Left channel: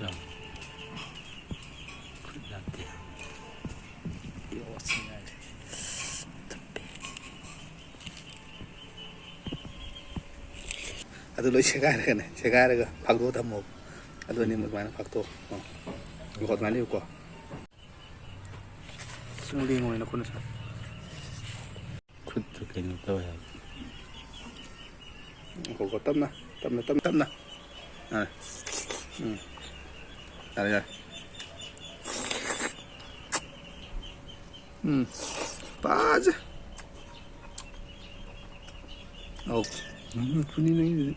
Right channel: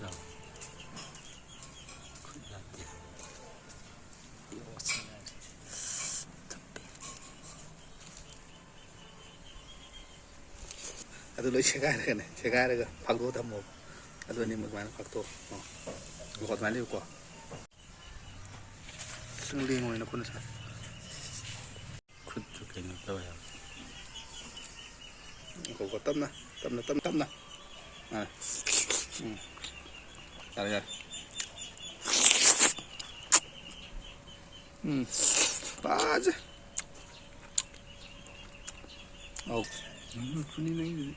그럼 굿라떼 ಅದು ಲೋಯ್ ಶೆಗಾರಗನೆ ಶೆಗಾರಗ ಫಾಕ್ದೋ ಥಮ್ಮೋ ಅದು ನಿಮ್ಮ ಮಾನ ಫಾಕ್ದೋ gọt máy liều quả xung đi ngồi nó con sao 굿 좋겠네 또요 có tâm nè tâm nè à đây đây ba chứ ồ funny này